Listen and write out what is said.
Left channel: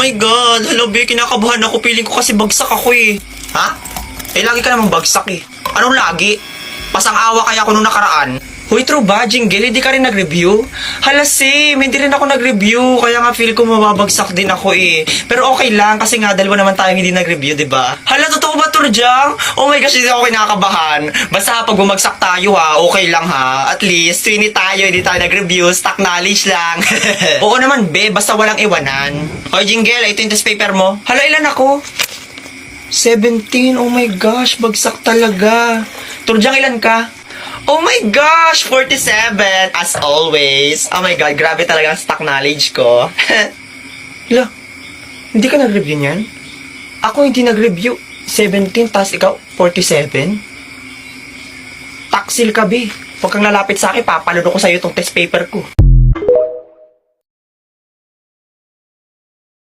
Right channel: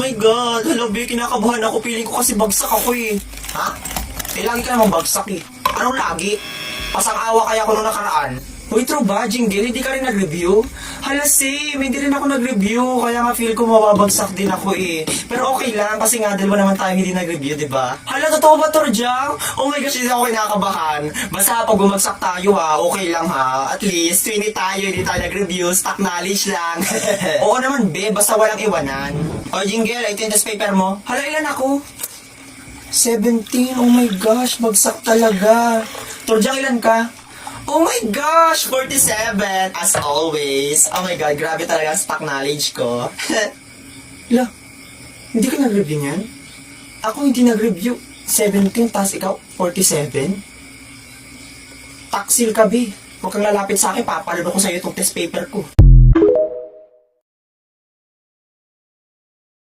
my God. Hello, be. Kinakabahan ako. Feeling ko kasi bagsak ako eh. Ha? Eh, lagi ka namang bagsak eh. Anong lagi? Pasang-awa kaya ako nung nakaraan. Hoy, true ba, Jingle? Hindi ka rin nag-review? Hala, Sim. Hindi rin ako nag-review. Kaya nga feel ko mababagsak din ako eh. Pero okay lang kasi nga dalawa naman tayong hindi nag-review, diba? Hala, totoo ba, Turjang? Oh my gosh, hindi ako kinakabahan. Basta pag bumagsak tayo ha, okay lang ha. At least, 20 tayo, hindi tayo nag-review. Stock knowledge lang. Oo naman, be. Basta walang iwanan. Hoy, Jingle, ito yung test paper mo. Hala, ilan ako? 17. Oh my gosh, bagsak talaga. Turjang, ilan ka? Oh my gosh, 47 as always. Oh my God, grabe talaga ang stock knowledge ko. Hala, hindi ka nag-review niyan? Ako hindi nag-review. 17 tas ikaw 47? Taksil ka, be. Huwag kang lalapit sa akin, papalunok ko sa'yo itong test paper ko.